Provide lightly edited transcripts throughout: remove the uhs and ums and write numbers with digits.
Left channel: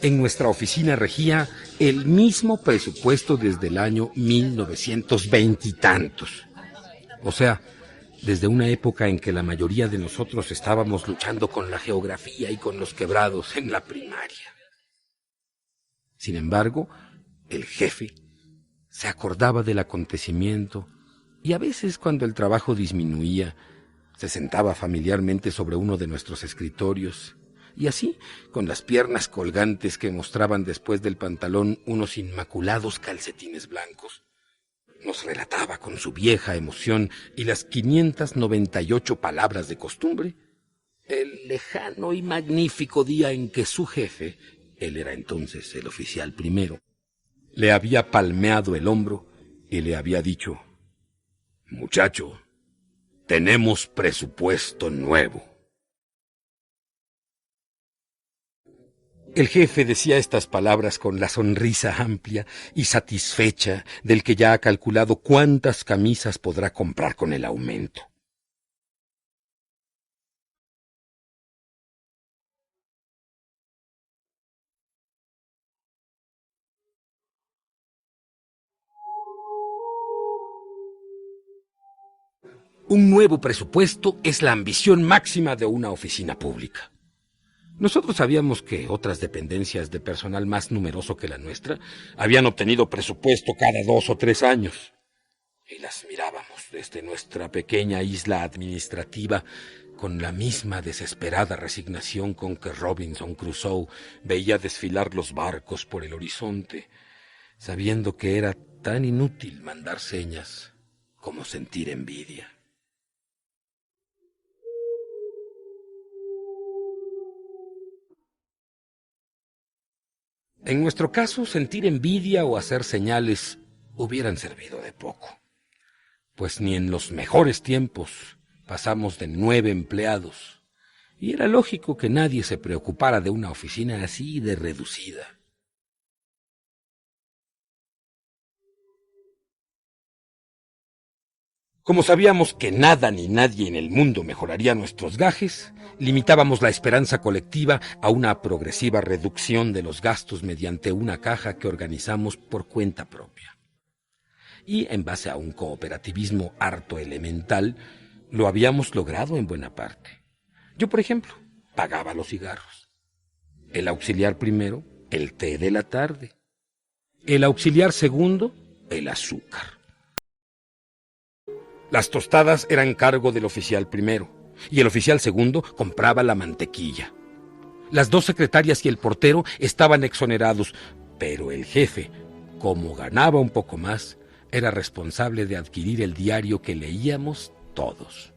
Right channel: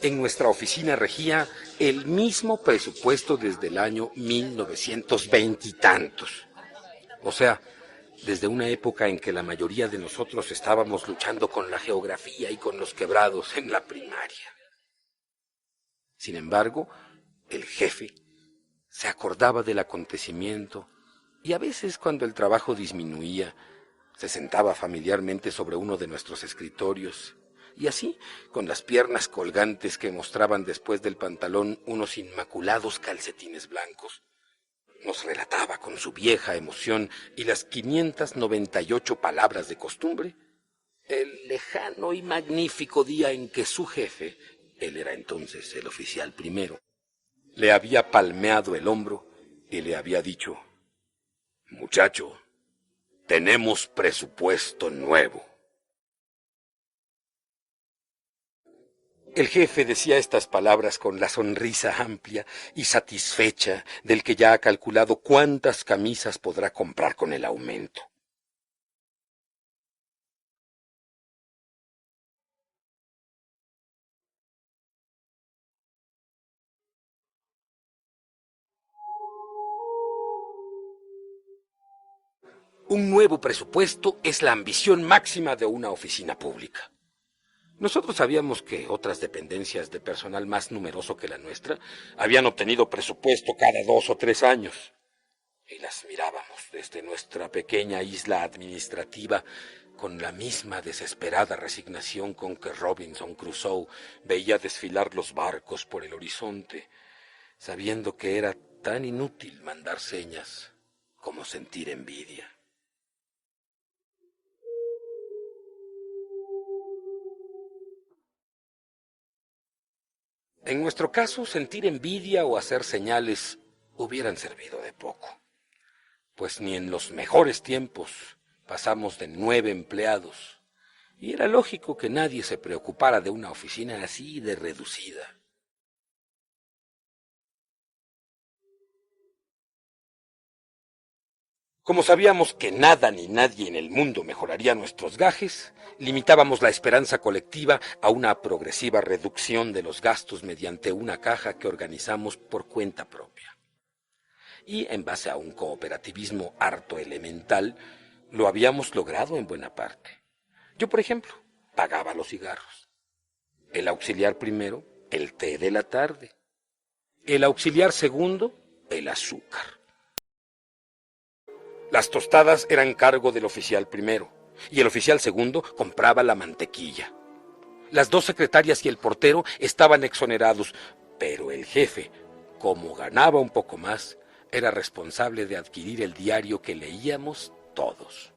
En nuestra oficina regía el mismo presupuesto desde el año 1920 y tantos. O sea, desde una época en que la mayoría de nosotros estábamos luchando con la geografía y con los quebrados en la primaria. Sin embargo, el jefe se acordaba del acontecimiento y a veces cuando el trabajo disminuía, se sentaba familiarmente sobre uno de nuestros escritorios y así, con las piernas colgantes que mostraban después del pantalón unos inmaculados calcetines blancos, nos relataba con su vieja emoción y las 598 palabras de costumbre el lejano y magnífico día en que su jefe, él era entonces el oficial primero, le había palmeado el hombro y le había dicho: «Muchacho, tenemos presupuesto nuevo». El jefe decía estas palabras con la sonrisa amplia y satisfecha del que ya ha calculado cuántas camisas podrá comprar con el aumento. Un nuevo presupuesto es la ambición máxima de una oficina pública. Nosotros sabíamos que otras dependencias de personal más numeroso que la nuestra habían obtenido presupuesto cada 2 o 3 años. Y las mirábamos desde nuestra pequeña isla administrativa con la misma desesperada resignación con que Robinson Crusoe veía desfilar los barcos por el horizonte, sabiendo que era tan inútil mandar señas como sentir envidia. En nuestro caso, sentir envidia o hacer señales hubieran servido de poco, pues ni en los mejores tiempos pasamos de 9 empleados, y era lógico que nadie se preocupara de una oficina así de reducida. Como sabíamos que nada ni nadie en el mundo mejoraría nuestros gajes, limitábamos la esperanza colectiva a una progresiva reducción de los gastos mediante una caja que organizamos por cuenta propia. Y en base a un cooperativismo harto elemental, lo habíamos logrado en buena parte. Yo, por ejemplo, pagaba los cigarros. El auxiliar primero, el té de la tarde. El auxiliar segundo, el azúcar. Las tostadas eran cargo del oficial primero y el oficial segundo compraba la mantequilla. Las 2 secretarias y el portero estaban exonerados, pero el jefe, como ganaba un poco más, era responsable de adquirir el diario que leíamos todos.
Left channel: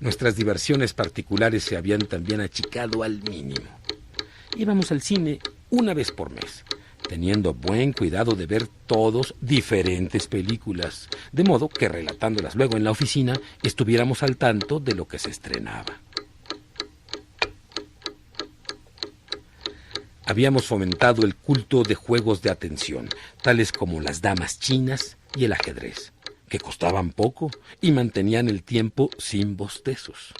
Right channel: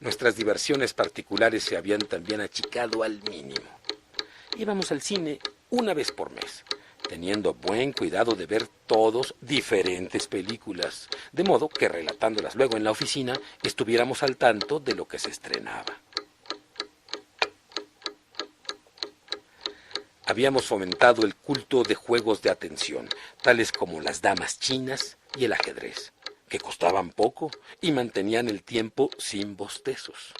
Nuestras diversiones particulares se habían también achicado al mínimo. Íbamos al cine una vez por mes, teniendo buen cuidado de ver todos diferentes películas, de modo que relatándolas luego en la oficina estuviéramos al tanto de lo que se estrenaba. Habíamos fomentado el culto de juegos de atención, tales como las damas chinas y el ajedrez, que costaban poco y mantenían el tiempo sin bostezos.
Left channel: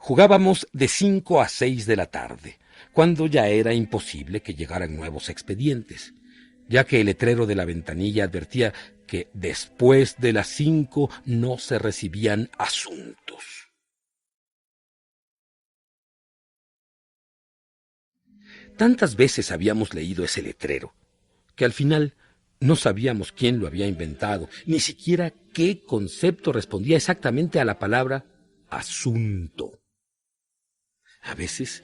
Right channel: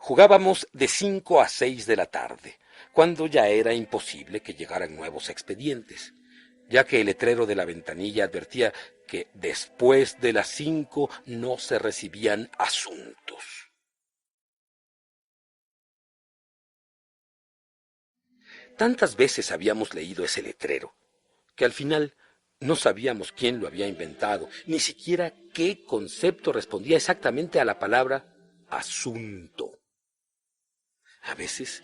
Jugábamos de 5 a 6 de la tarde, cuando ya era imposible que llegaran nuevos expedientes, ya que el letrero de la ventanilla advertía que después de las 5 no se recibían asuntos. Tantas veces habíamos leído ese letrero, que al final no sabíamos quién lo había inventado, ni siquiera qué concepto respondía exactamente a la palabra asunto. A veces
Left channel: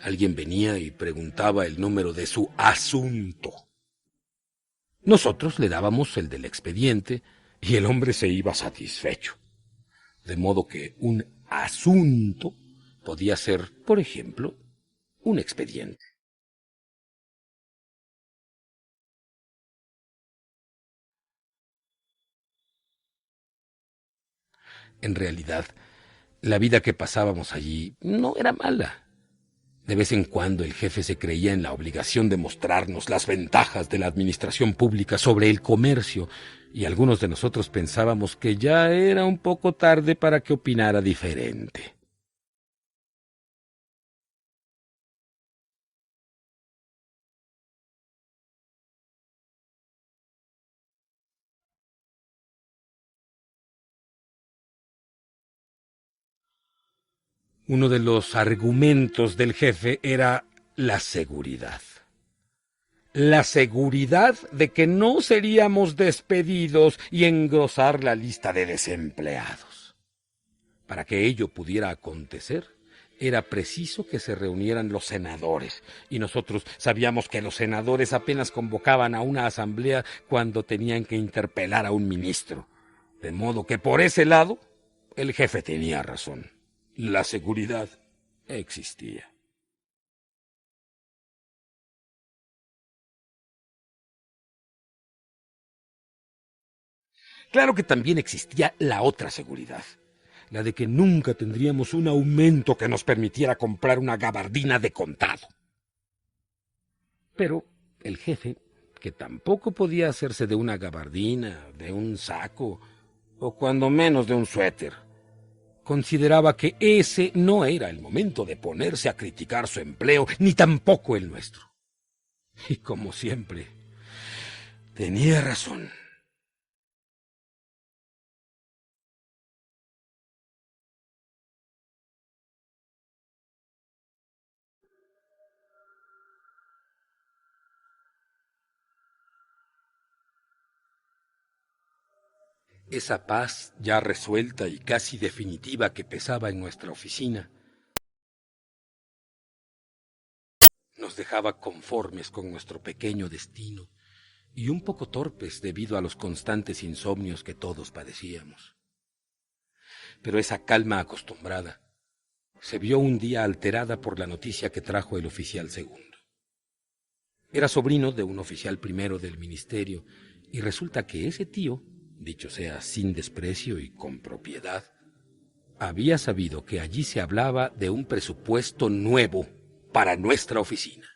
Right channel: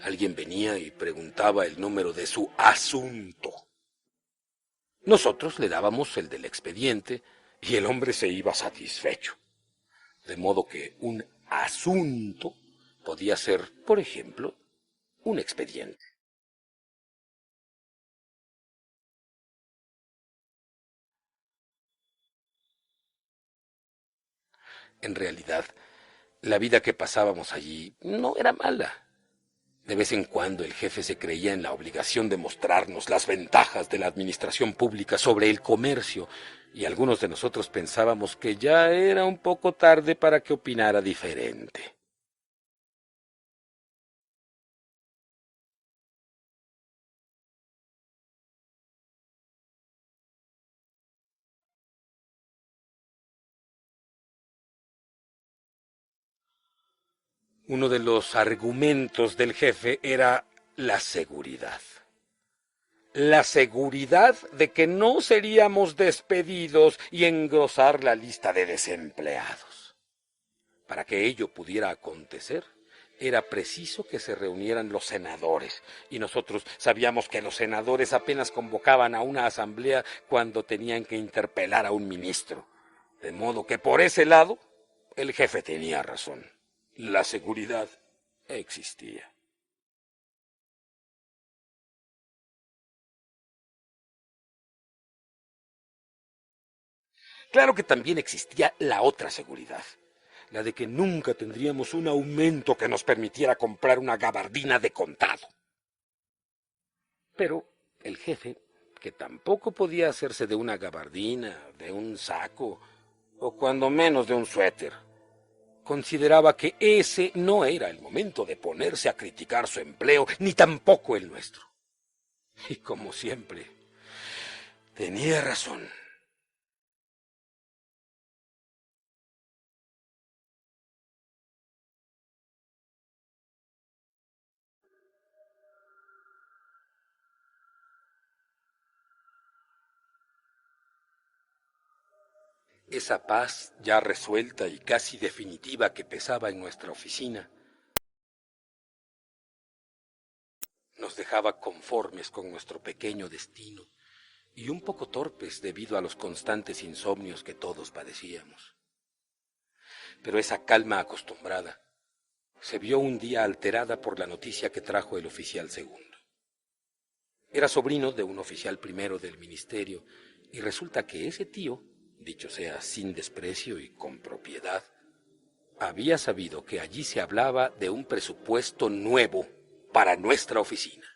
alguien venía y preguntaba el número de su asunto. Nosotros le dábamos el del expediente y el hombre se iba satisfecho. De modo que un asunto podía ser, por ejemplo, un expediente. En realidad, la vida que pasábamos allí no era mala. De vez en cuando el jefe se creía en la obligación de mostrarnos las ventajas de la administración pública sobre el comercio, y algunos de nosotros pensábamos que ya era un poco tarde para que opinara diferente. Uno de los argumentos del jefe era la seguridad. La seguridad de que no seríamos despedidos y engrosar la lista de desempleados. Para que ello pudiera acontecer, era preciso que se reunieran los senadores, y nosotros sabíamos que los senadores apenas convocaban a una asamblea cuando tenían que interpelar a un ministro. De modo que por ese lado, el jefe tenía razón. La seguridad existía. Claro que también existía la otra seguridad, la de que nunca tendríamos un aumento que nos permitiera comprar una gabardina de contado. Pero el jefe, que tampoco podía hacerse de una gabardina, de un saco, o cuando menos de un suéter, consideraba que ese no era el momento de ponerse a criticar su empleo, ni tampoco el nuestro. Y como siempre, tenía razón. Esa paz ya resuelta y casi definitiva que pesaba en nuestra oficina nos dejaba conformes con nuestro pequeño destino y un poco torpes debido a los constantes insomnios que todos padecíamos. Pero esa calma acostumbrada se vio un día alterada por la noticia que trajo el oficial segundo. Era sobrino de un oficial primero del ministerio, y resulta que ese tío, dicho sea sin desprecio y con propiedad, había sabido que allí se hablaba de un presupuesto nuevo para nuestra oficina.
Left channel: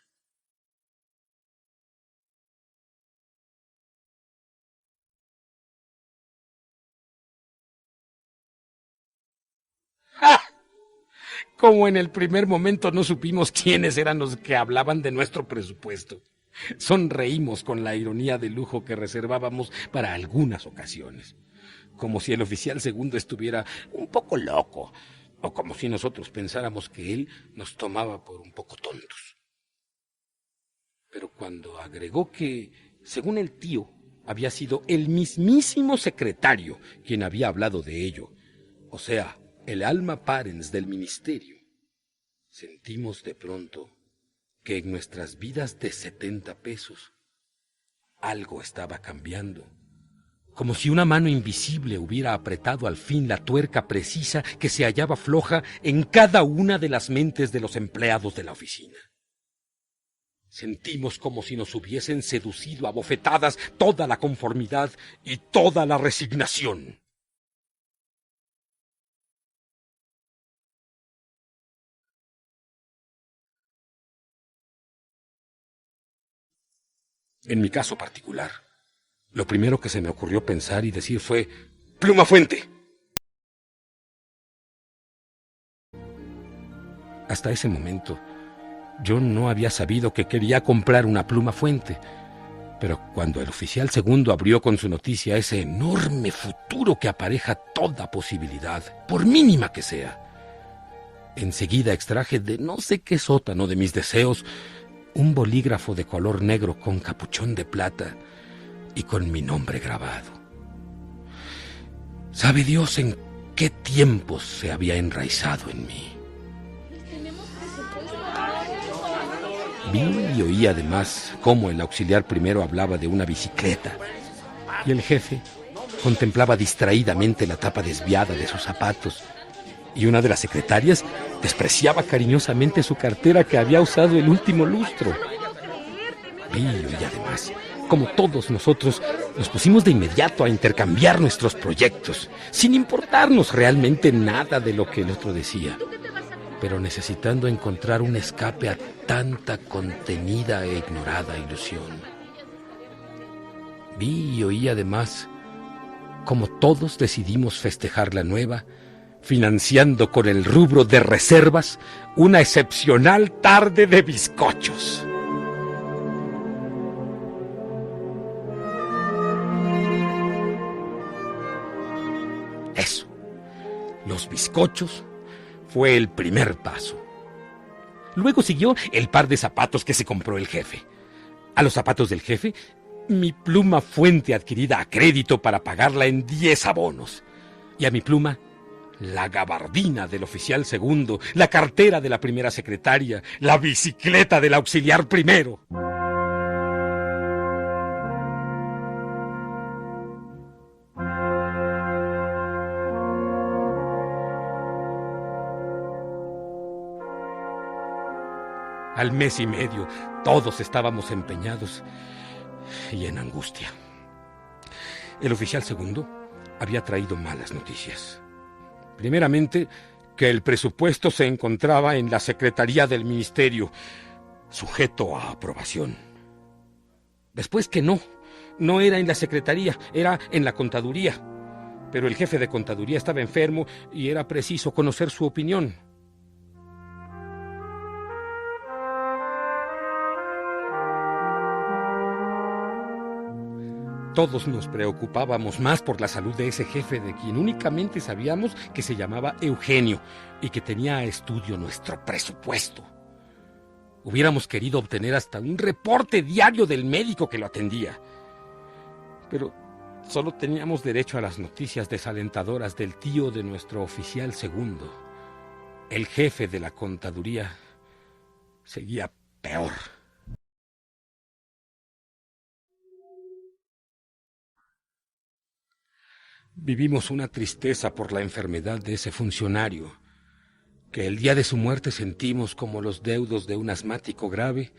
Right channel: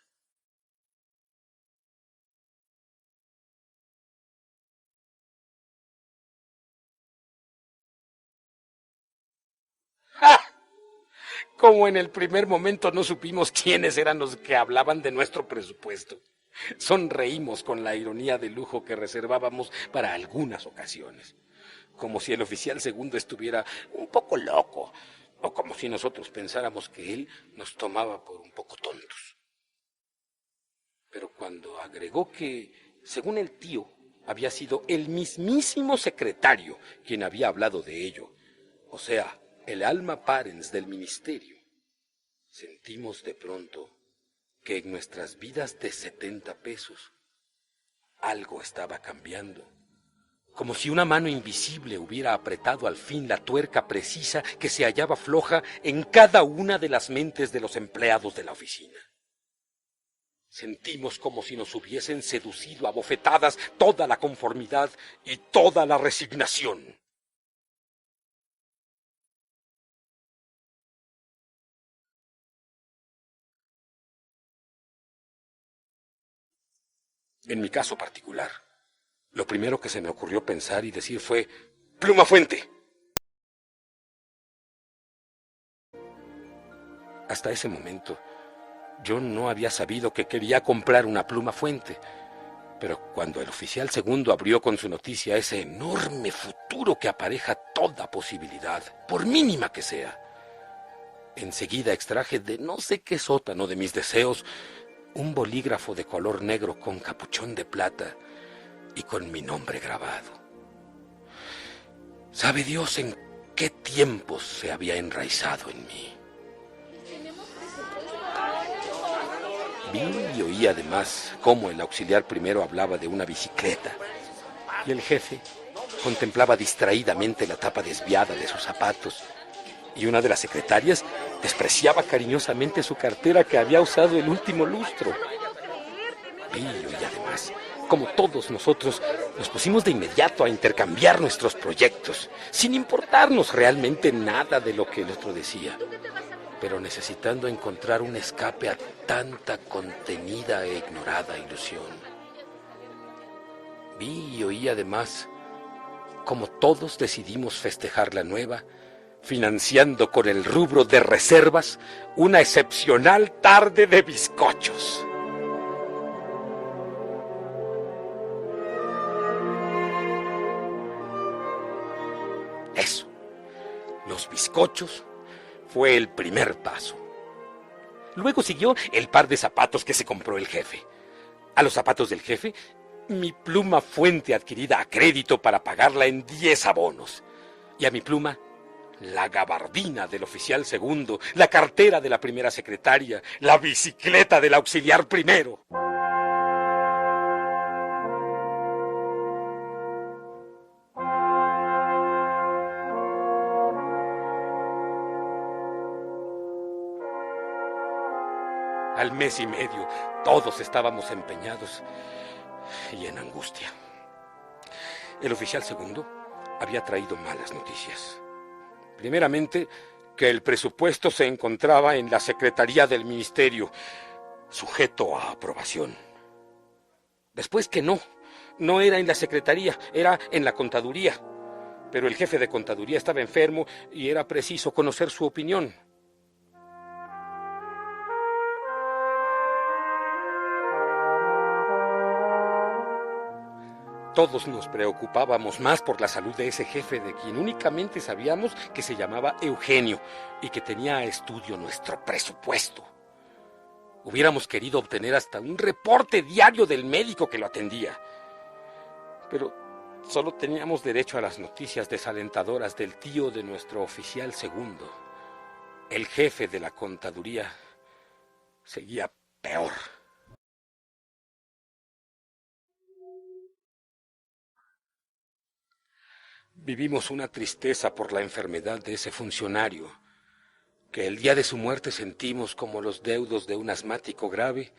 ¡Ja! Como en el primer momento no supimos quiénes eran los que hablaban de nuestro presupuesto. Sonreímos con la ironía de lujo que reservábamos para algunas ocasiones, como si el oficial segundo estuviera un poco loco, o como si nosotros pensáramos que él nos tomaba por un poco tontos. Pero cuando agregó que, según el tío, había sido el mismísimo secretario quien había hablado de ello, o sea, el alma parens del ministerio, sentimos de pronto que en nuestras vidas de 70 pesos algo estaba cambiando, como si una mano invisible hubiera apretado al fin la tuerca precisa que se hallaba floja en cada una de las mentes de los empleados de la oficina. Sentimos como si nos hubiesen seducido a bofetadas toda la conformidad y toda la resignación. En mi caso particular, lo primero que se me ocurrió pensar y decir fue «¡Pluma Fuente!». Hasta ese momento, yo no había sabido que quería comprar una pluma fuente, pero cuando el oficial segundo abrió con su noticia ese enorme futuro que apareja toda posibilidad, por mínima que sea, enseguida extraje de no sé qué sótano de mis deseos un bolígrafo de color negro con capuchón de plata y con mi nombre grabado. ¿Sabe Dios en qué tiempos se había enraizado en mí? Vi y oí además cómo el auxiliar primero hablaba de una bicicleta y el jefe contemplaba distraídamente la tapa desviada de sus zapatos, y una de las secretarias despreciaba cariñosamente su cartera que había usado el último lustro. Vi y oí además como todos nosotros nos pusimos de inmediato a intercambiar nuestros proyectos, sin importarnos realmente nada de lo que el otro decía. pero necesitando encontrar un escape a tanta contenida e ignorada ilusión. Vi y oí además cómo todos decidimos festejar la nueva, financiando con el rubro de reservas una excepcional tarde de bizcochos. Eso, los bizcochos, fue el primer paso. Luego siguió el par de zapatos que se compró el jefe. A los zapatos del jefe, mi pluma fuente adquirida a crédito para pagarla en 10 abonos. Y a mi pluma, la gabardina del oficial segundo, la cartera de la primera secretaria, la bicicleta del auxiliar primero. Al mes y medio, todos estábamos empeñados y en angustia. El oficial segundo había traído malas noticias. Primeramente, que el presupuesto se encontraba en la Secretaría del Ministerio, sujeto a aprobación. Después que no era en la Secretaría, era en la Contaduría. Pero el jefe de Contaduría estaba enfermo y era preciso conocer su opinión. Todos nos preocupábamos más por la salud de ese jefe de quien únicamente sabíamos que se llamaba Eugenio y que tenía a estudio nuestro presupuesto. Hubiéramos querido obtener hasta un reporte diario del médico que lo atendía. Pero solo teníamos derecho a las noticias desalentadoras del tío de nuestro oficial segundo. El jefe de la contaduría seguía peor. Vivimos una tristeza por la enfermedad de ese funcionario, que el día de su muerte sentimos como los deudos de un asmático grave,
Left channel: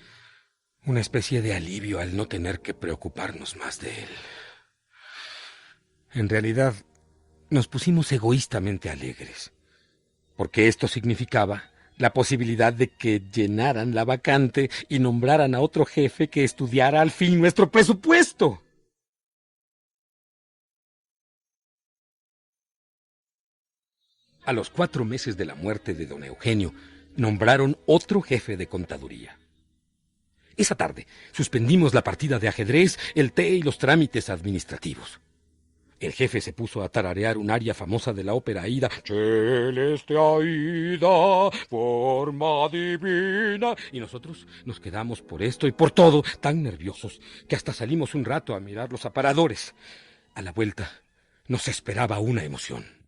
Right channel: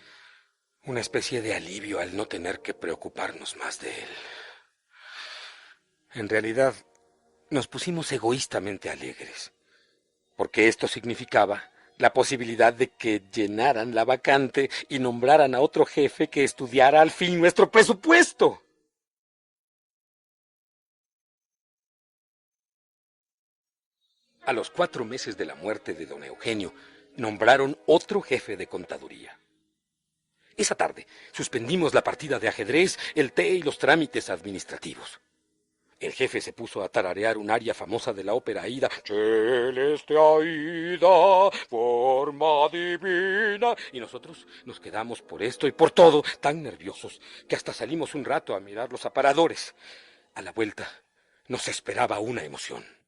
una especie de alivio al no tener que preocuparnos más de él. En realidad, nos pusimos egoístamente alegres, porque esto significaba la posibilidad de que llenaran la vacante y nombraran a otro jefe que estudiara al fin nuestro presupuesto. A los 4 meses de la muerte de don Eugenio, nombraron otro jefe de contaduría. Esa tarde suspendimos la partida de ajedrez, el té y los trámites administrativos. El jefe se puso a tararear un aria famosa de la ópera Aida. Celeste Aida, forma divina. Y nosotros nos quedamos por esto y por todo tan nerviosos que hasta salimos un rato a mirar los aparadores. A la vuelta nos esperaba una emoción.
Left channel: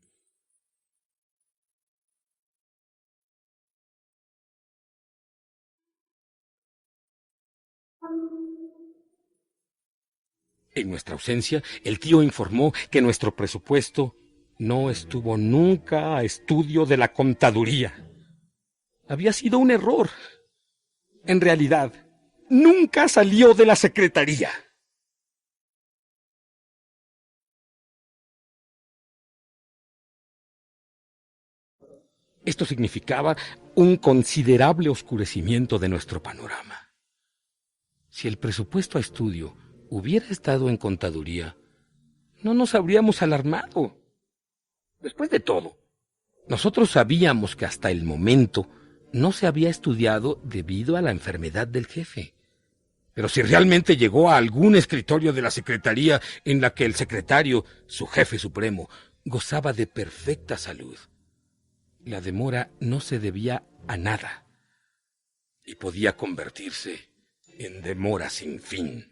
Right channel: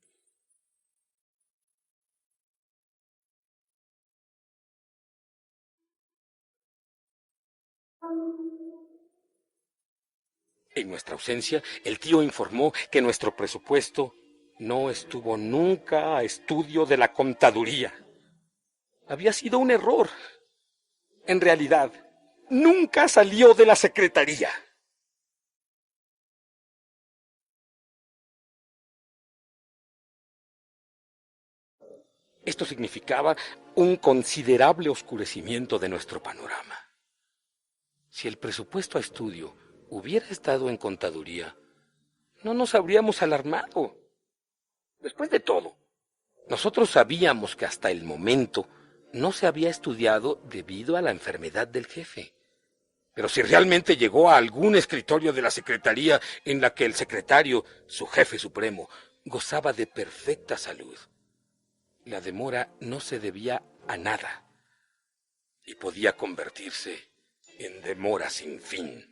En nuestra ausencia, el tío informó que nuestro presupuesto no estuvo nunca a estudio de la contaduría. Había sido un error. En realidad, nunca salió de la secretaría. Esto significaba un considerable oscurecimiento de nuestro panorama. Si el presupuesto a estudio hubiera estado en contaduría, no nos habríamos alarmado. Después de todo, nosotros sabíamos que hasta el momento no se había estudiado debido a la enfermedad del jefe. Pero si realmente llegó a algún escritorio de la secretaría en la que el secretario, su jefe supremo, gozaba de perfecta salud, la demora no se debía a nada y podía convertirse en demora sin fin.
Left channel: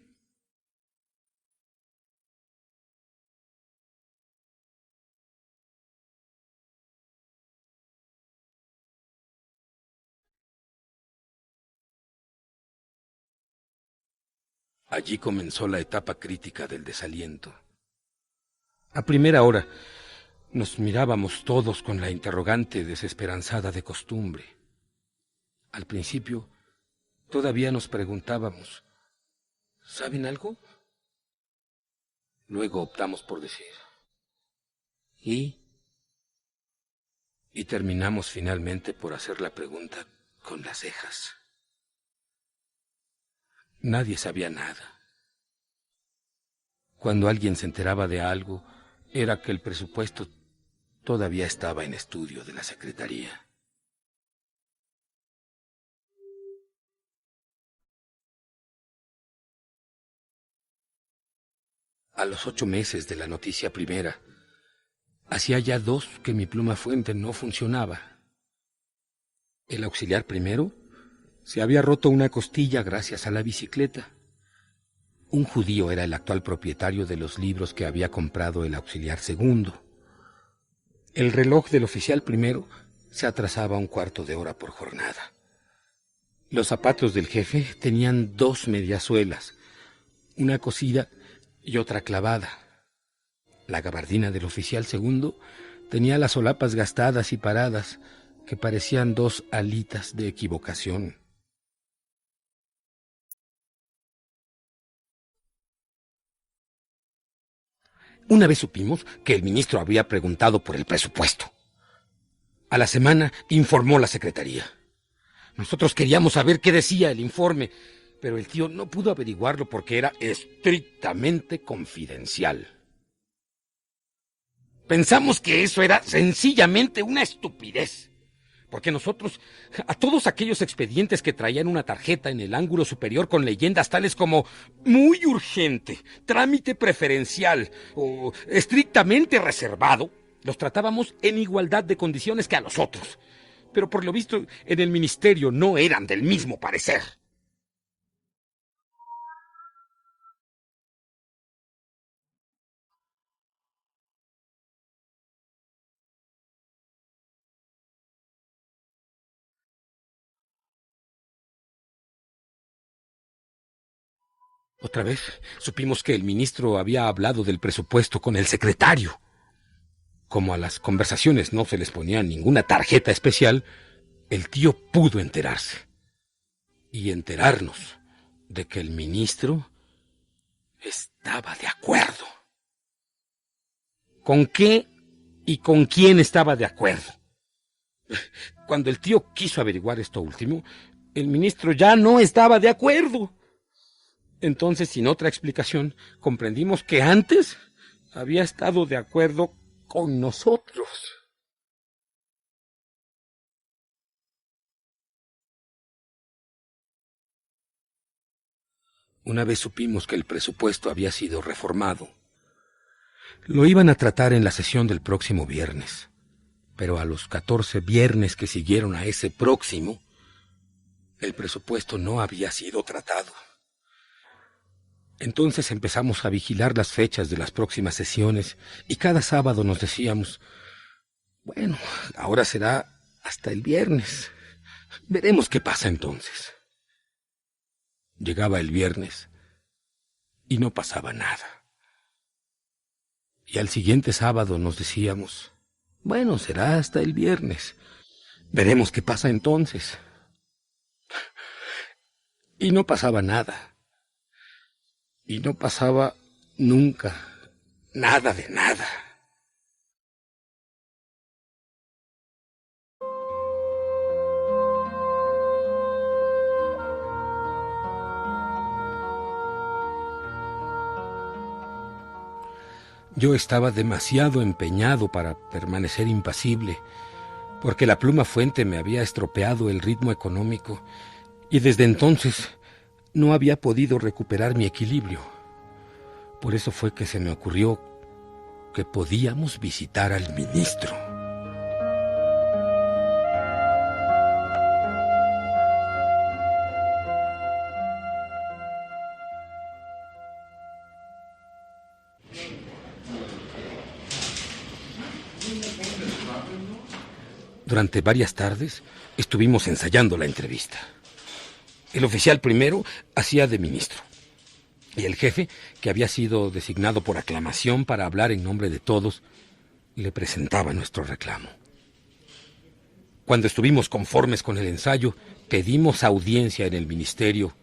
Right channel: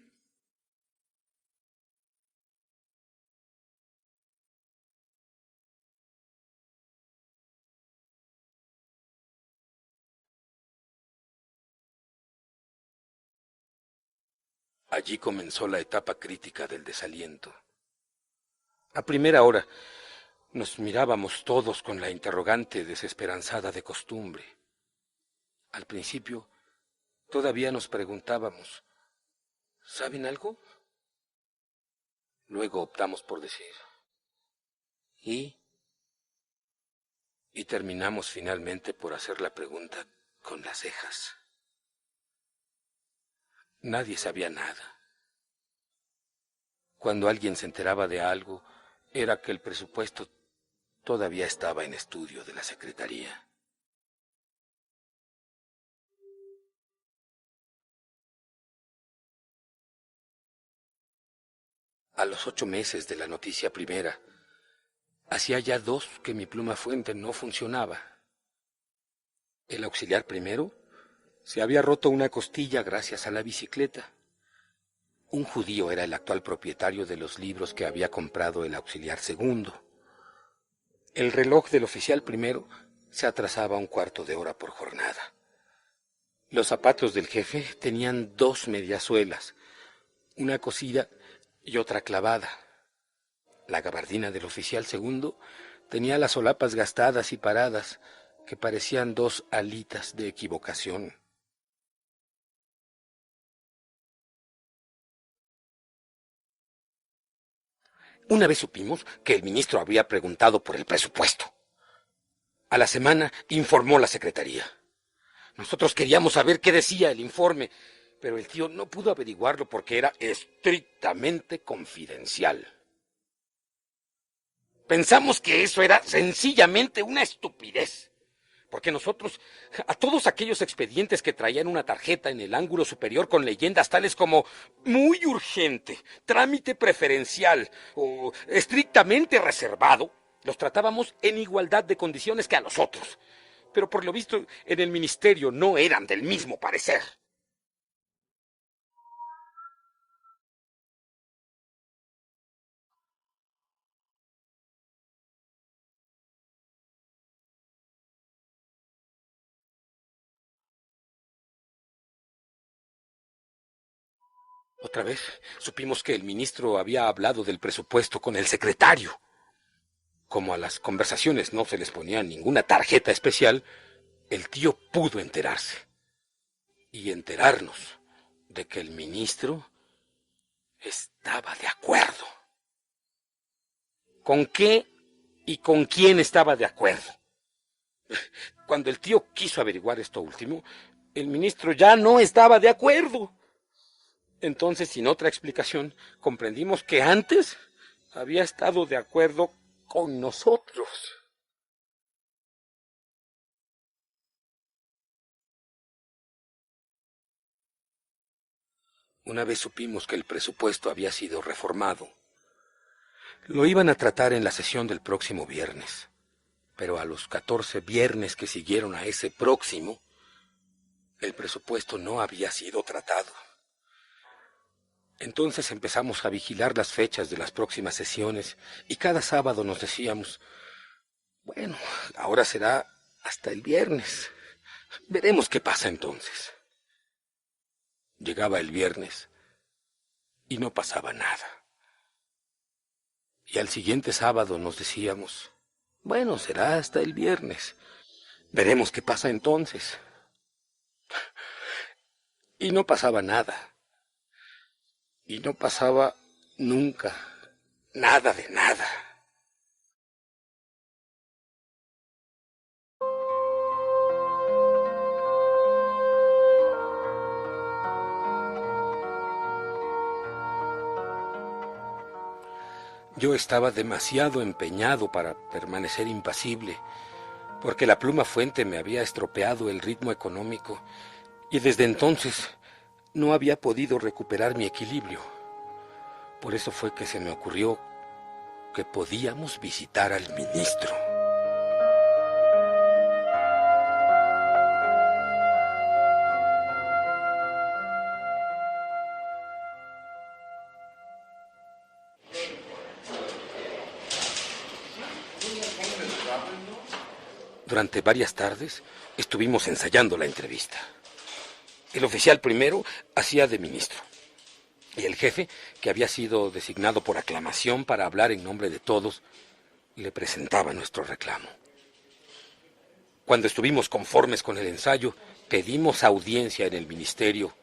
Allí comenzó la etapa crítica del desaliento. A primera hora nos mirábamos todos con la interrogante desesperanzada de costumbre. Al principio todavía nos preguntábamos, ¿saben algo? Luego optamos por decir, ¿y? Y terminamos finalmente por hacer la pregunta con las cejas. Nadie sabía nada. Cuando alguien se enteraba de algo, era que el presupuesto todavía estaba en estudio de la Secretaría. A los 8 meses de la noticia primera, hacía ya 2 que mi pluma fuente no funcionaba. El auxiliar primero se había roto una costilla gracias a la bicicleta. Un judío era el actual propietario de los libros que había comprado el auxiliar segundo. El reloj del oficial primero se atrasaba 1/4 de hora por jornada. Los zapatos del jefe tenían 2 mediasuelas, una cosida y otra clavada. La gabardina del oficial segundo tenía las solapas gastadas y paradas, que parecían 2 alitas de equivocación. Una vez supimos que el ministro había preguntado por el presupuesto. A la semana informó la secretaría. Nosotros queríamos saber qué decía el informe, pero el tío no pudo averiguarlo porque era estrictamente confidencial. Pensamos que eso era sencillamente una estupidez, porque nosotros, a todos aquellos expedientes que traían una tarjeta en el ángulo superior con leyendas tales como muy urgente, trámite preferencial o estrictamente reservado, los tratábamos en igualdad de condiciones que a los otros. Pero por lo visto en el ministerio no eran del mismo parecer. Otra vez supimos que el ministro había hablado del presupuesto con el secretario. Como a las conversaciones no se les ponía ninguna tarjeta especial, el tío pudo enterarse. Y enterarnos de que el ministro estaba de acuerdo. ¿Con qué y con quién estaba de acuerdo? Cuando el tío quiso averiguar esto último, el ministro ya no estaba de acuerdo. Entonces, sin otra explicación, comprendimos que antes había estado de acuerdo con nosotros. Una vez supimos que el presupuesto había sido reformado. Lo iban a tratar en la sesión del próximo viernes, pero a los 14 viernes que siguieron a ese próximo, el presupuesto no había sido tratado. Entonces empezamos a vigilar las fechas de las próximas sesiones y cada sábado nos decíamos, bueno, ahora será hasta el viernes. Veremos qué pasa entonces. Llegaba el viernes y no pasaba nada. Y al siguiente sábado nos decíamos, bueno, será hasta el viernes. Veremos qué pasa entonces. Y no pasaba nada. Y no pasaba nunca nada de nada. Yo estaba demasiado empeñado para permanecer impasible, porque la pluma fuente me había estropeado el ritmo económico y desde entonces no había podido recuperar mi equilibrio. Por eso fue que se me ocurrió que podíamos visitar al ministro. Durante varias tardes estuvimos ensayando la entrevista. El oficial primero hacía de ministro y el jefe, que había sido designado por aclamación para hablar en nombre de todos, le presentaba nuestro reclamo. Cuando estuvimos conformes con el ensayo, pedimos audiencia en el ministerio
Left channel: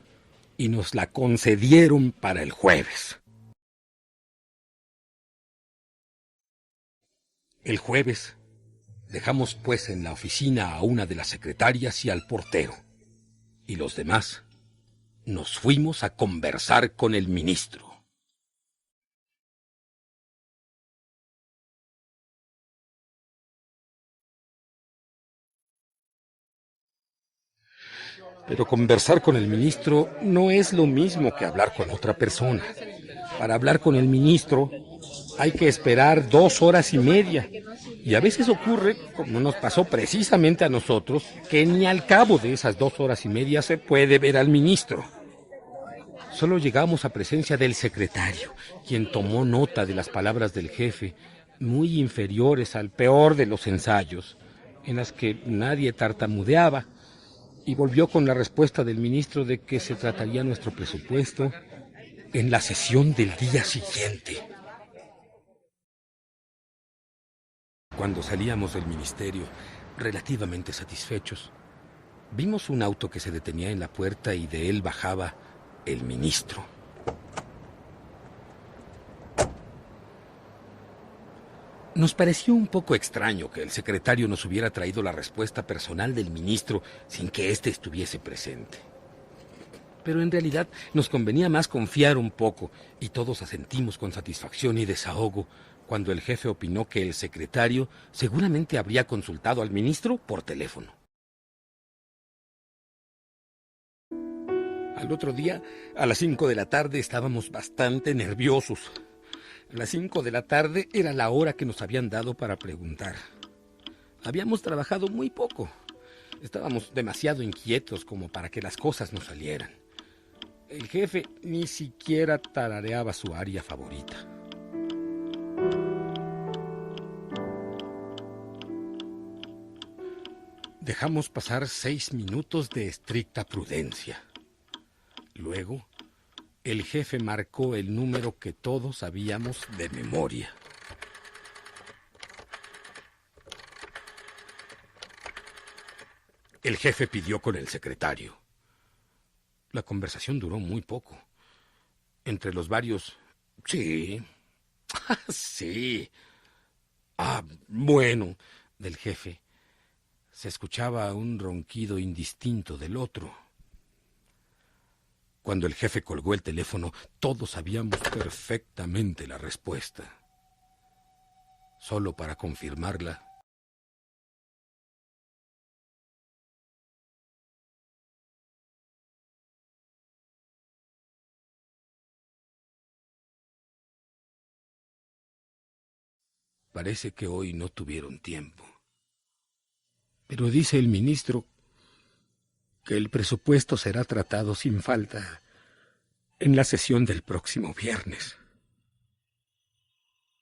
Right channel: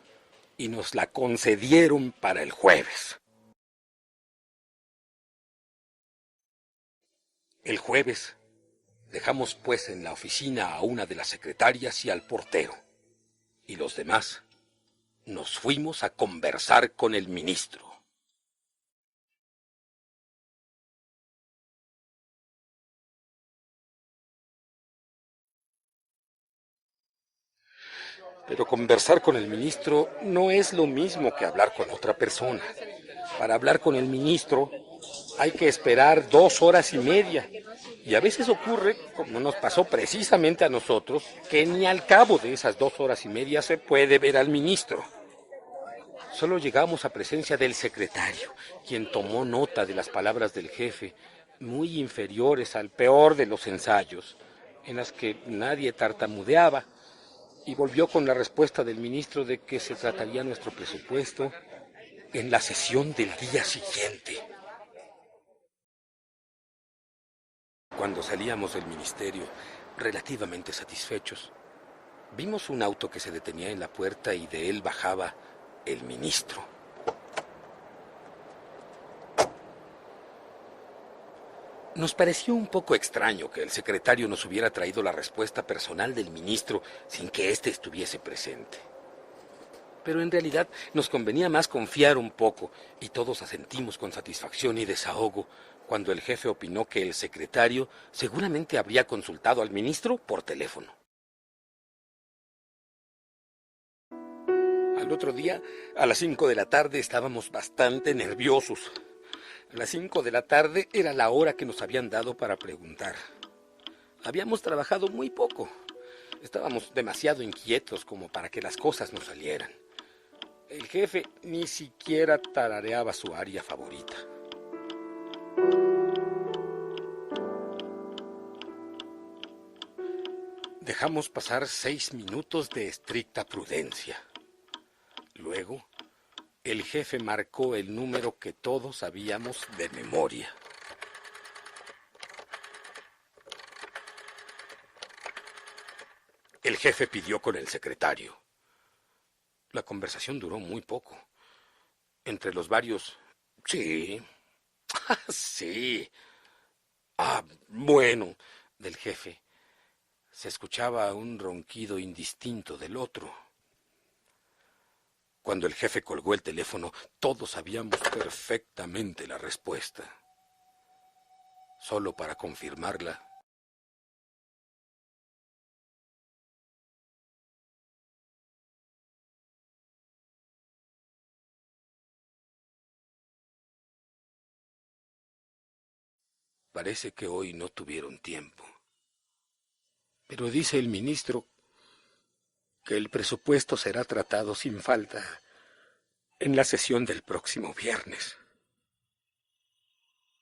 y nos la concedieron para el jueves. El jueves Dejamos pues en la oficina a una de las secretarias y al portero. Y los demás nos fuimos a conversar con el ministro. Pero conversar con el ministro no es lo mismo que hablar con otra persona. Para hablar con el ministro hay que esperar 2 horas y media. Y a veces ocurre, como nos pasó precisamente a nosotros, que ni al cabo de esas 2 horas y media se puede ver al ministro. Solo llegamos a presencia del secretario, quien tomó nota de las palabras del jefe, muy inferiores al peor de los ensayos, en las que nadie tartamudeaba, y volvió con la respuesta del ministro de que se trataría nuestro presupuesto en la sesión del día siguiente. Cuando salíamos del ministerio, relativamente satisfechos, vimos un auto que se detenía en la puerta y de él bajaba el ministro. Nos pareció un poco extraño que el secretario nos hubiera traído la respuesta personal del ministro sin que éste estuviese presente. Pero en realidad nos convenía más confiar un poco, y todos asentimos con satisfacción y desahogo cuando el jefe opinó que el secretario seguramente habría consultado al ministro por teléfono. Al otro día, a las 5 de la tarde, estábamos bastante nerviosos. A las 5 de la tarde era la hora que nos habían dado para preguntar. Habíamos trabajado muy poco. Estábamos demasiado inquietos como para que las cosas nos salieran. El jefe ni siquiera tarareaba su aria favorita. Dejamos pasar 6 minutos de estricta prudencia. Luego, el jefe marcó el número que todos sabíamos de memoria. El jefe pidió con el secretario. La conversación duró muy poco. Entre los varios, sí, sí, bueno, del jefe, se escuchaba un ronquido indistinto del otro. Cuando el jefe colgó el teléfono, todos sabíamos perfectamente la respuesta. Solo para confirmarla, parece que hoy no tuvieron tiempo. Pero dice el ministro que el presupuesto será tratado sin falta en la sesión del próximo viernes.